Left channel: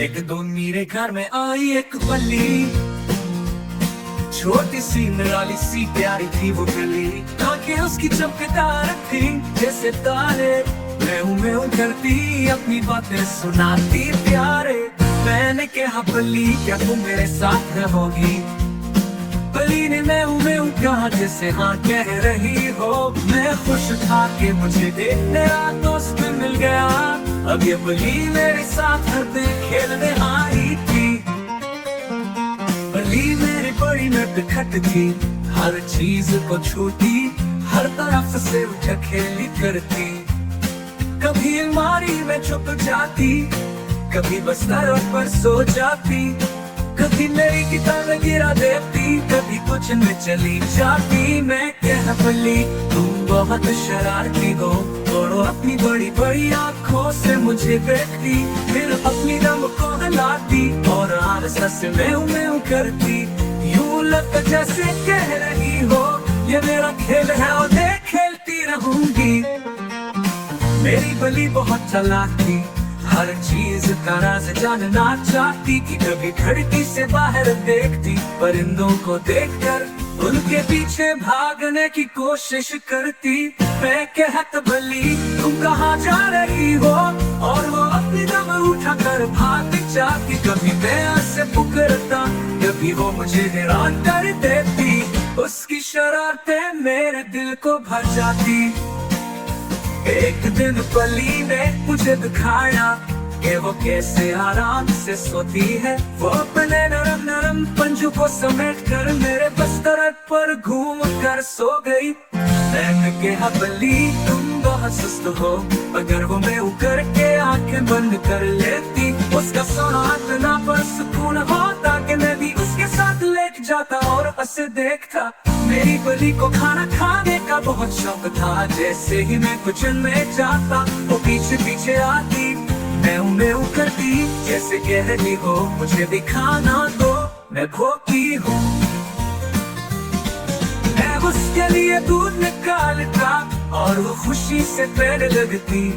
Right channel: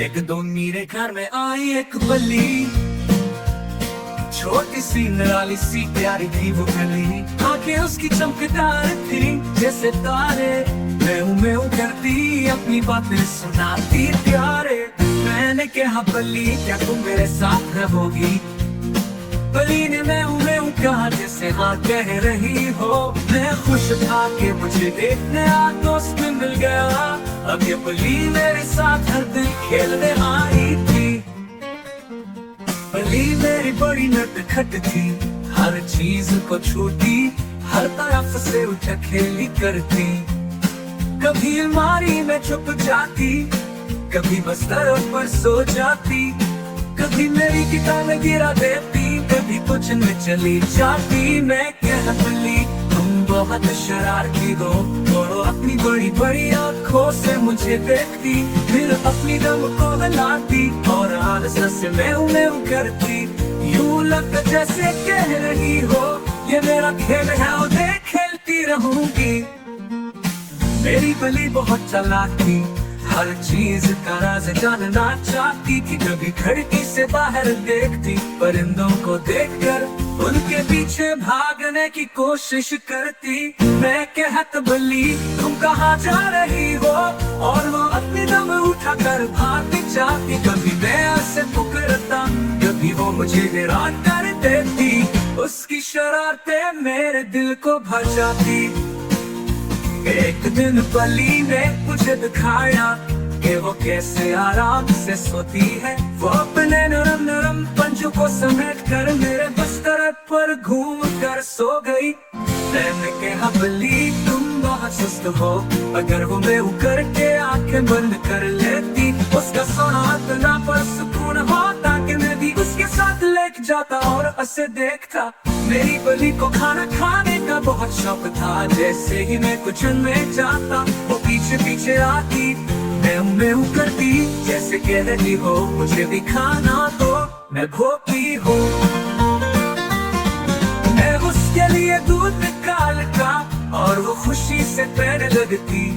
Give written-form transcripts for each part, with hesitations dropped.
एक दिन मेरे घर में आई एक बल्ली, छोटी सी निराली सी प्यारी थी वो गली। आंखें उसकी चमकदार थी जैसे तारे, मैं करती अपनी बातें सुनाती प्यारे। मैंने कहा बल्ली क्या तुम मेरे साथ रहोगी? बल्ली ने मैं कहा जैसे हाँ कह रही हो। मैं खुश था कि मुझे एक नया दोस्त मिल गया। अब ये बल्ली मेरे साथ हर दिन खेलने आई थी। बल्ली मेरी बड़ी नटखट थी, हर चीज को छूती, हर तरफ से उठ खेली करती। कभी अलमारी में छुप जाती, कभी बिस्तर पर सो जाती, कभी मेरी किताबें गिरा देती, कभी कुछ में चली जाती। मैं कह बल्ली तुम बहुत शरारती हो, और अपनी बड़ी बड़ी आँखों से मुझे देखती, फिर अपनी दम को हिलाती और आलस्य से मैं करती। यूं लगता जैसे कह रही हो ये मेरा खेल है और देख खेलती रहूंगी। मेरी बल्ली बहुत चालाक थी, हर चीज का राज जानना चाहती थी। कभी खिड़की से बाहर देखती, परिंदों को देखकर उनके पीछे भागने की कोशिश करती। मैं कहता बल्ली तुम कहाँ जा रही हो, और वो अपने दम उठा कर भाग जाती। कभी मैं ऐसे पुकारता, कभी वो मुझे हैरान कर देती। उसकी शरारतें मेरे दिल को भर जाती। एक दिन बल्ली ने मुझे दिखाया कि वो कैसे आराम से सोती है। वो अपने नरम नरम पंजों को समेट कर मेरे बिस्तर पर घूम कर सो गई। मैंने कहा बल्ली तुम बहुत सुस्त हो, अगर वो मैं करके आंखें बंद कर लेती, उसका सोना इतना पर सुकून होता कि मैं भी उसके साथ लेट जाता और उसे देखता। मेरी बल्ली को खाना खाने का बहुत शौक था, जैसे ही मैं किचन में जाता वो पीछे पीछे आती, मैं करती जैसे कह रही हो मुझे भी खाना दो, मैं भूखी हूँ। मैं उसके लिए दूध निकालता और वो खुशी से पैर लगती।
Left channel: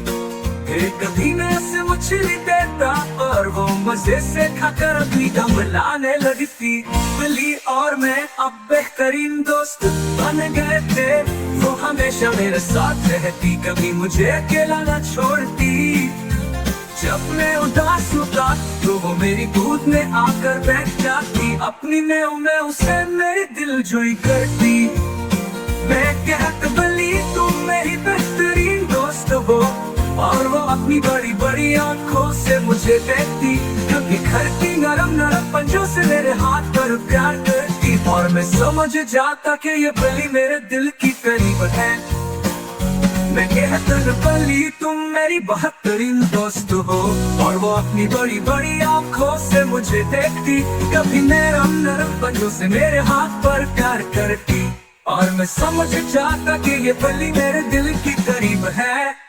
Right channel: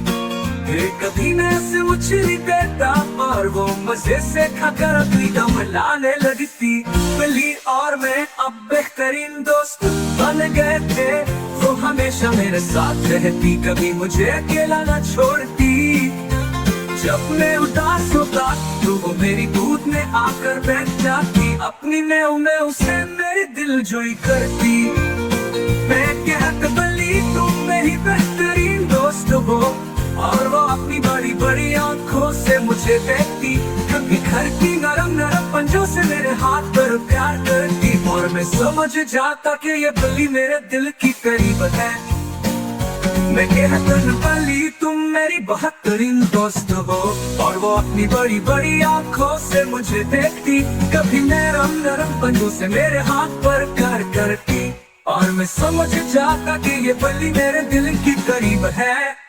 फिर कभी मैं उसे मछली देता और वो मजे से खाकर अपनी दम लाने लगती। बल्ली और मैं अब बेहतरीन दोस्त बन गए थे। वो हमेशा मेरे साथ रहती, कभी मुझे अकेला न छोड़ती। जब मैं उदास होता तो वो मेरी दूध में आकर बैठ जाती, अपनी मैं उसे मेरे दिल जोई करती। मैं कहता बल्ली तुम मेरी बेहतरीन दोस्त हो, और वो अपनी बड़ी बड़ी आँखों से मुझे देखती। कभी घर की नरम नरम पंजों से मेरे हाथ पर प्यार करती, और मैं समझ जाता कि ये बल्ली मेरे दिल की करीब है। मैं कहता बल्ली तुम मेरी बेहतरीन दोस्त हो, और वो अपनी बड़ी बड़ी आँखों से मुझे देखती। कभी नरम नरम पंजों से मेरे हाथ पर प्यार करती, और मैं समझ जाता कि ये बल्ली मेरे दिल की करीब है।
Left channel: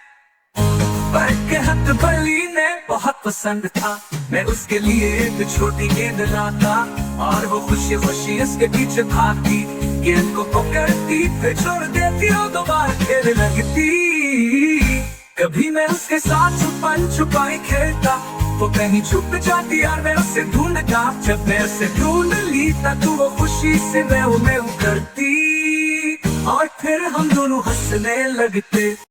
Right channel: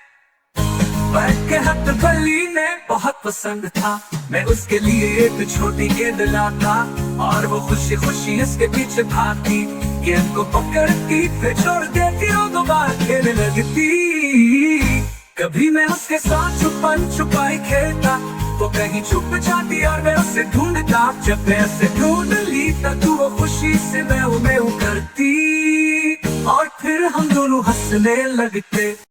कहत बल्ली ने बहुत पसंद था, मैं उसके लिए एक छोटी गेंद लाता, और वो खुशी खुशी इसके पीछे भागती, गेंद को पकड़ती फिर छोड़ देती और दोबारा खेलने लगती। कभी मैं उसके साथ छुपन छुपाई खेलता, वो कहीं छुप जाती और मैं उसे ढूंढता। जब मैं उसे ढूंढ लेता तो वो खुशी से मैं करती, और फिर हम दोनों हंसने लगते।